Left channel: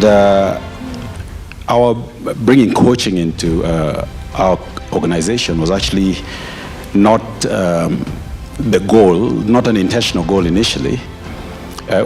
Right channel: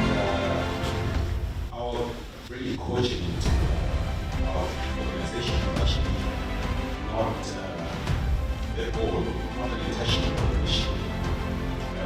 And our bringing coaching into our organization was actually not the goal, not an intentional goal initially.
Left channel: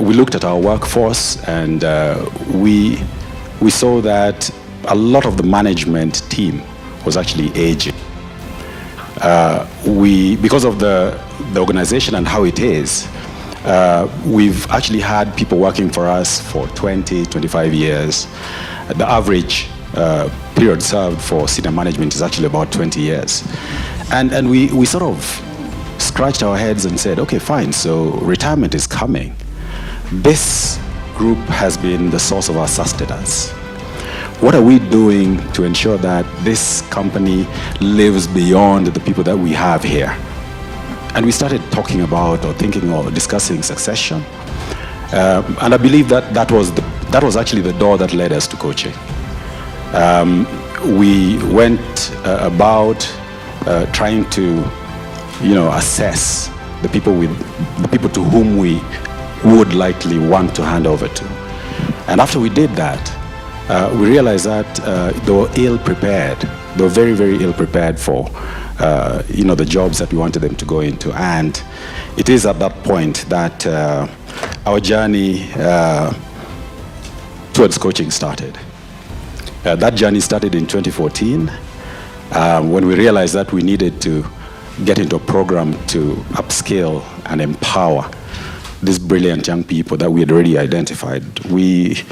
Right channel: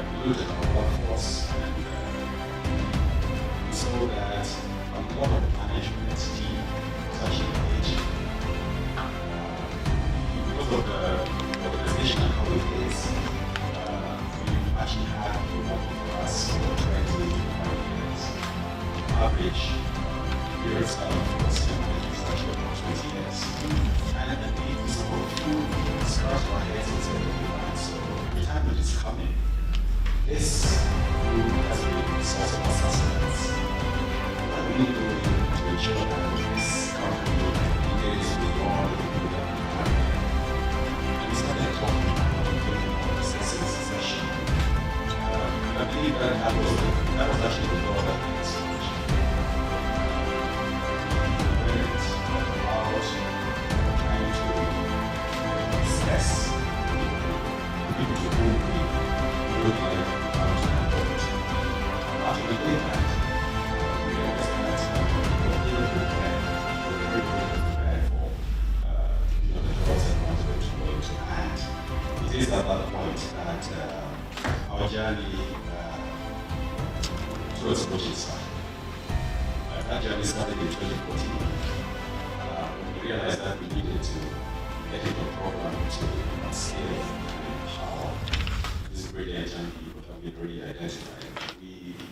We looked at our workforce, and we saw that a lot of the management team was actually aging. Because of the organization and how it is, we've actually had people working for us for 20, 25 years. The average period served for senior management is actually about 20 years. And we sort of scratched our heads and said, okay, fine, so retirement is coming. This group has been the source of our sustenance. What are we doing to ensure that this company lives beyond the people that we have here? And we started talking about or thinking or discussing succession. And I believe that was actually the door that led us to coaching. We went about trying to, assess the people to whom we would likely want to hand over to. And after we did that, we realized that they were ill-prepared. They were very, very ill-prepared for, the jobs that we wanted them to go into. And it is at that point that our journey towards coaching started. That journey started in 2014 when we realized that we needed to get into a program to upskill and empower these brilliant young people that we had already identified. We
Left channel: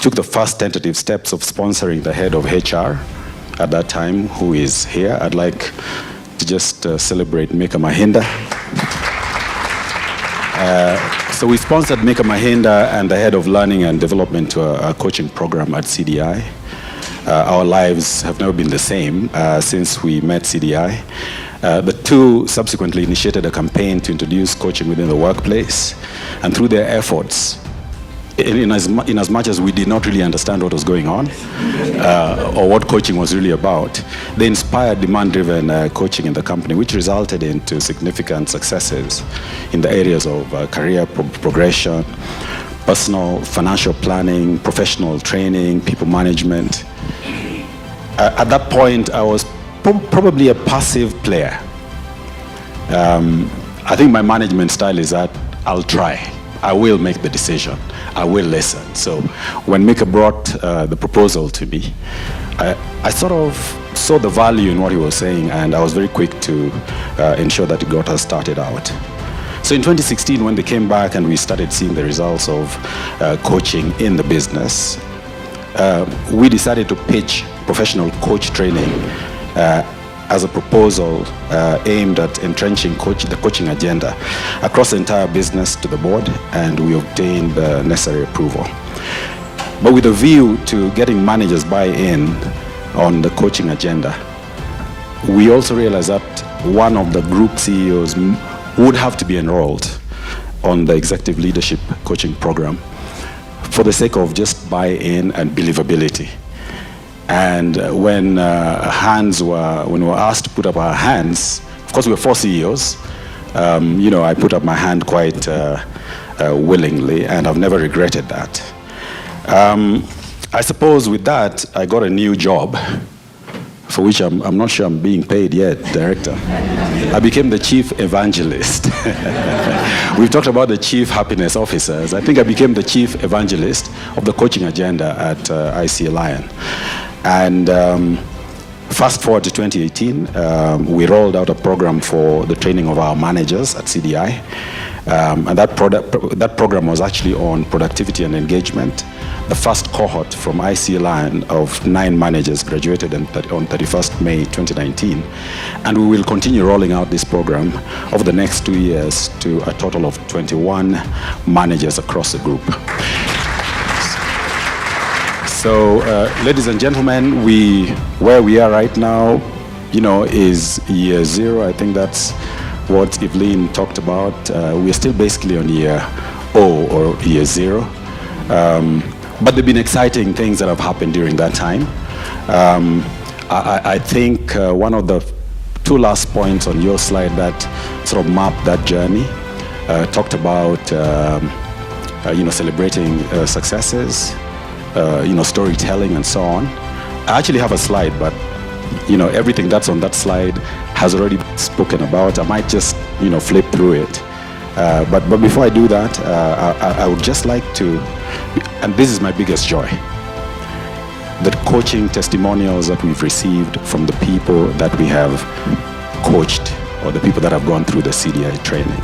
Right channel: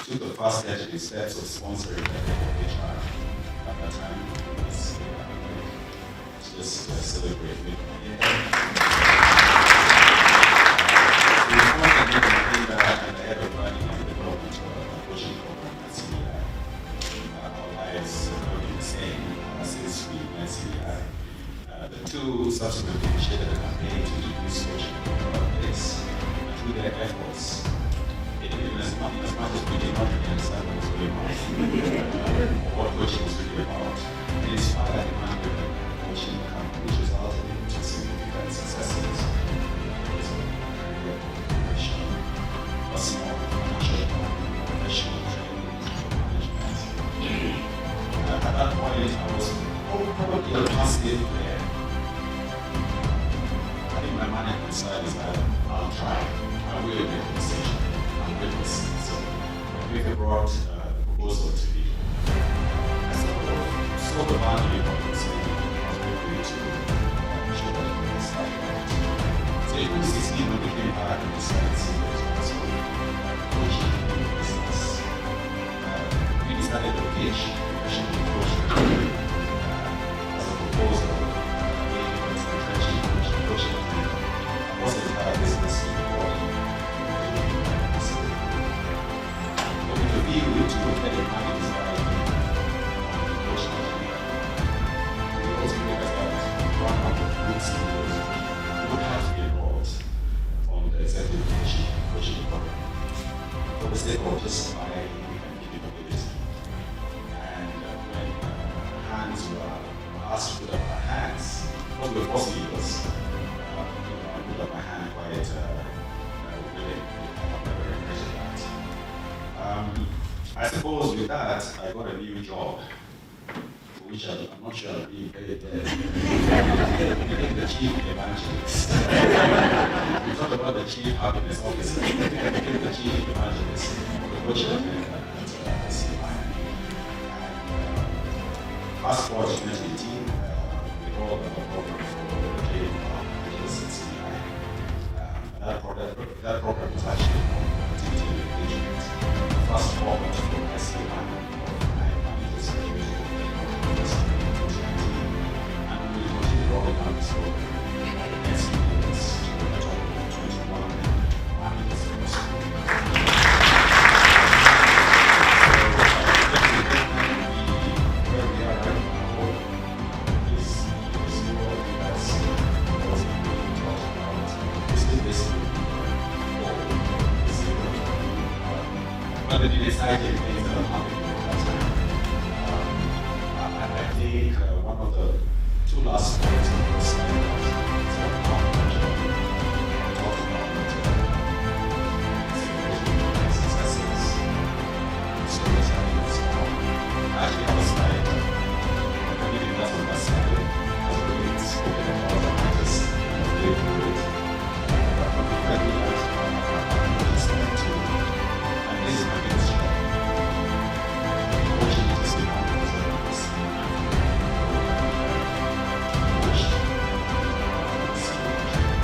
took the first tentative steps of sponsoring the head of HR at that time, who is here. I'd like to just celebrate Mika Mahinda. So we sponsored Mika Mahinda and the head of learning and development to a coaching program at CDI. Our lives have never been the same since we met CDI. The two subsequently initiated a campaign to introduce coaching within the workplace. And through their efforts, in as much as we did not really understand what was going on or what coaching was really about, they inspired demand-driven coaching in the company, which resulted into significant successes in the areas of career progression, personal financial planning, professional training, people management. At that point, I was probably a passive player. I think my management style is that I'll try. I will make the decision. I will listen. So when Mika brought the proposal to me, I sort of saw the value in what he was saying, and I was very quick to ensure that it got us started out. So in 2016, when they came back and we started seeing the results of coaching in the business, we decided to pitch professional coach training as a proposal aimed at entrenching the coaching agenda across the entire business to the board, and we obtained the necessary approval. But with a view to getting managers buy-in on the coaching agenda, we also realized that one of the group CEOs would have to be enrolled on the executive leadership coaching program for the sake of just buy-in and believability. And when we were asked to put up our hands, of course we were 4 CEOs. I put up my hand quite willingly, and I've never regretted that. I suppose with that, I got a new job, for which I'm not sure I'm being paid yet, Director. I became the Chief Evangelist. We've talked about the Chief Happiness Officers. I think I became the Chief Evangelist of the coaching agenda at ICEA Lion. And fast forward to 2018, we rolled out a program for the training of our managers at CDI. And that program was actually on productivity and engagement. The first cohort from ICEA Lion of 9 managers graduated on 31st May 2019. And we will continue rolling out this program over the next 2 years to a total of 21 managers across the group. So, ladies and gentlemen, where we are right now, is year 0. I think that's what Evelyn talked about. We're still basically on year O, or year 0. But there have been exciting things that have happened during that time. I think one of the 2 last points on your slide that sort of mapped that journey talked about, celebrating successes. storytelling and so on. I actually have a slide, but everything that's on that slide has already spoken about. I might just flip through it. But before I do that, I would just like to, and this is my biggest joy, the coaching testimonials that we've received from the people that we have coached, or the people that have gone through the CDI training.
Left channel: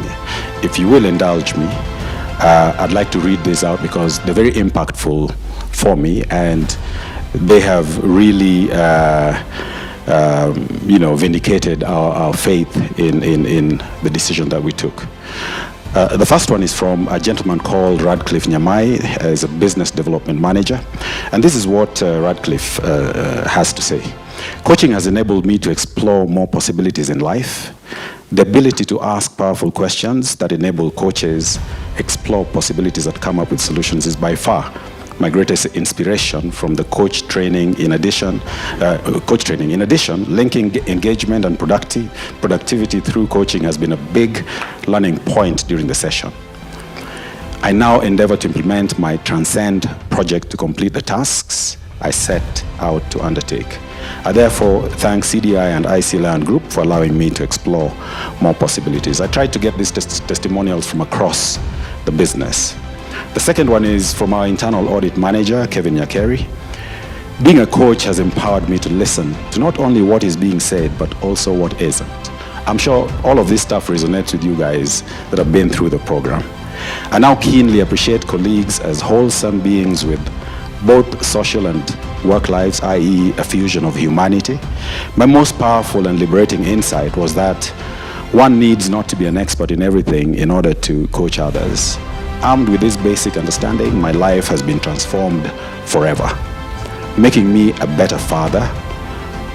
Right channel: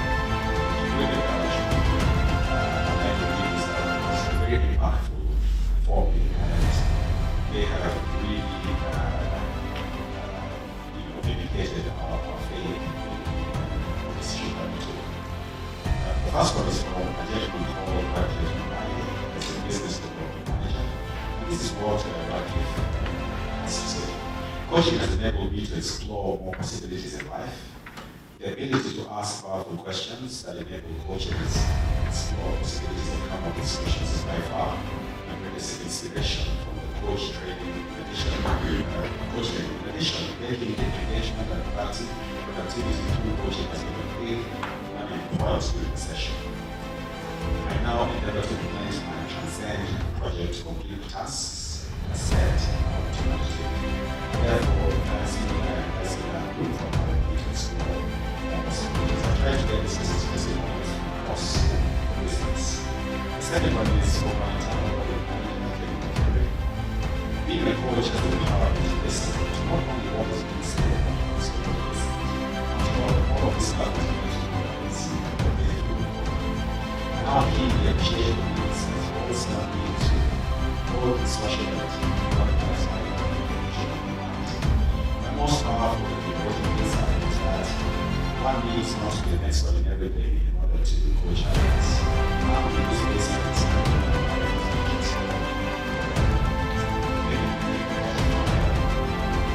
If you will indulge me, I'd like to read this out because they're very impactful for me, and they have really vindicated our faith in the decision that we took. The first one is from a gentleman called Radcliffe Nyamai, as a business development manager. And this is what Radcliffe has to say. Coaching has enabled me to explore more possibilities in life. The ability to ask powerful questions that enable coaches explore possibilities that come up with solutions is by far my greatest inspiration from the coach training. In addition, linking engagement and productivity through coaching has been a big learning point during the session. I now endeavor to implement my Transcend project to complete the tasks I set out to undertake. I therefore thank CDI and ICEA Group for allowing me to explore more possibilities. I tried to get these testimonials from across the business. The second one is from our internal audit manager, Kevin Nyakeri. Being a coach has empowered me to listen to not only what is being said, but also what isn't. I'm sure all of this stuff resonates with you guys that have been through the program. I now keenly appreciate colleagues as wholesome beings with both social and work lives, i.e. a fusion of humanity. My most powerful and liberating insight was that one needs not to be an expert in everything in order to coach others. Armed with this basic understanding, my life has been transformed forever, making me a better father,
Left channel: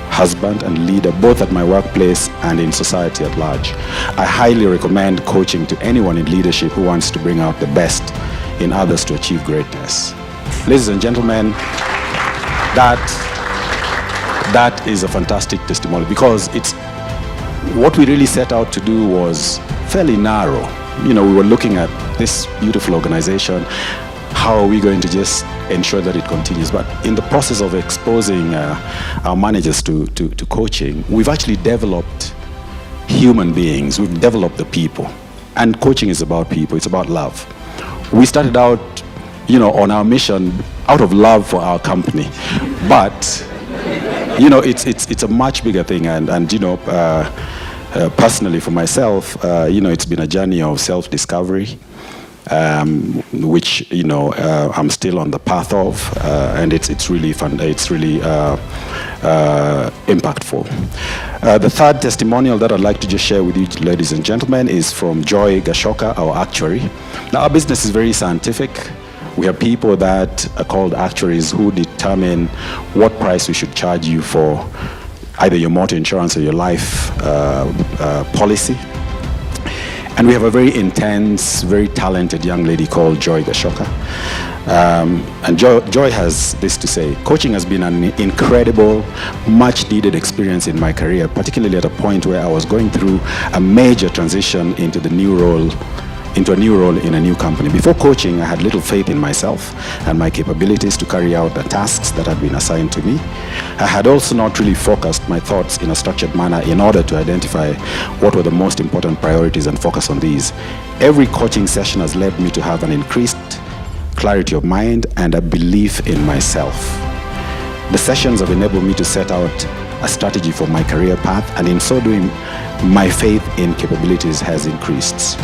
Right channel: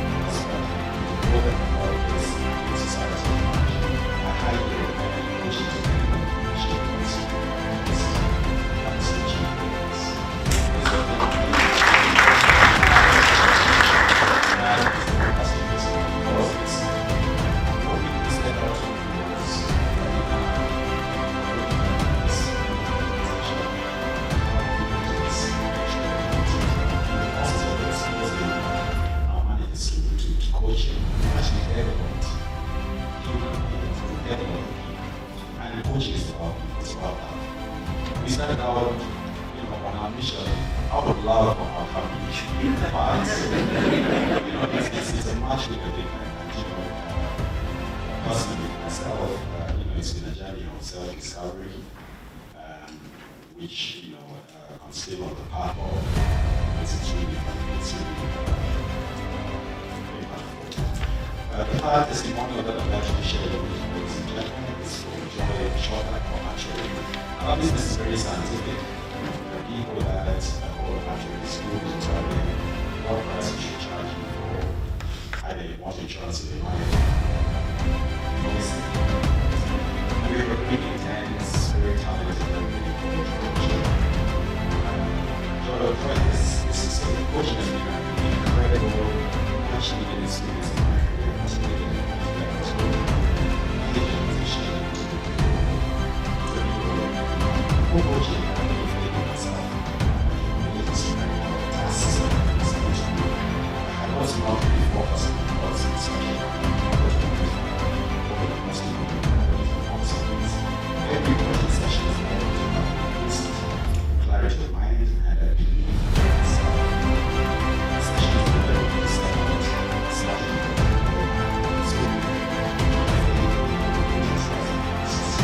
husband, and leader, both at my workplace and in society at large. I highly recommend coaching to anyone in leadership who wants to bring out the best in others to achieve greatness. Ladies and gentlemen, that is a fantastic testimony, because what we really set out to do was fairly narrow. We were looking at this beautiful organization. How are we going to just ensure that it continues? But in the process of exposing our managers to coaching, we've actually developed human beings. We've developed the people. And coaching is about people. It's about love. We started out, on our mission out of love for our company. But, it's a much bigger thing. Personally, for myself, it's been a journey of self-discovery, which I'm still on the path of, and it's really fun. It's really impactful. The third testimonial that I'd like to just share with you, ladies and gentlemen, is from Joy Gashoka, our actuary. Now, our business is very scientific. We have people that are called actuaries who determine what price we should charge you for either your motor insurance or your life policy. And we have a very intense, very talented young lady called Joy Gashoka. And Joy has this to say: coaching has been an incredible, much needed experience in my career, particularly at a point where I was going through a major transition into a new role in a new company. Before coaching, I had little faith in myself and my capabilities to carry out the tasks that had been assigned to me. I had also not really focused my thoughts in a structured manner in order to identify what were the most important priorities and focus on these. Every coaching session has led me to have an increased clarity of mind and a belief in myself. The sessions have enabled me to set out a strategy for my career path, and in so doing, my faith in capabilities has increased.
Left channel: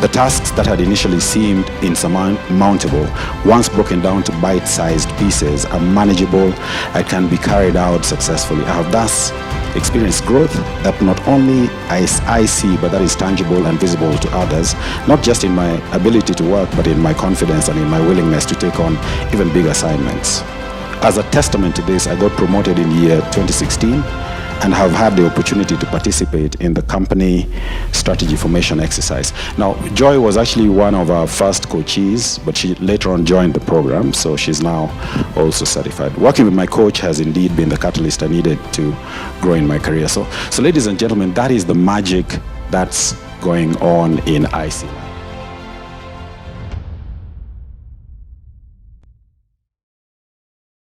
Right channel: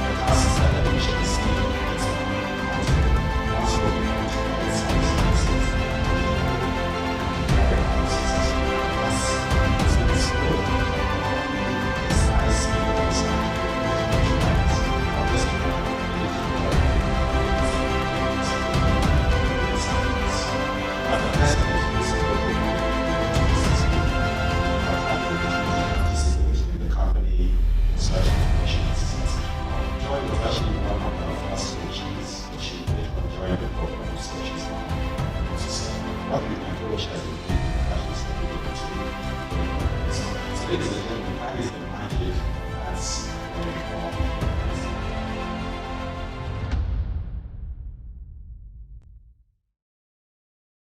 The tasks that had initially seemed insurmountable, once broken down to bite-sized pieces, are manageable and can be carried out successfully. I have thus experienced growth that not only I see, but that is tangible and visible to others, not just in my ability to work, but in my confidence and in my willingness to take on even big assignments. As a testament to this, I got promoted in year 2016 and have had the opportunity to participate in the company strategy formation exercise. Now, Joy was actually one of our first coachees, but she later on joined the program, so she's now also certified. Working with my coach has indeed been the catalyst I needed to grow in my career. So ladies and gentlemen, that is the magic that's going on in ICEA.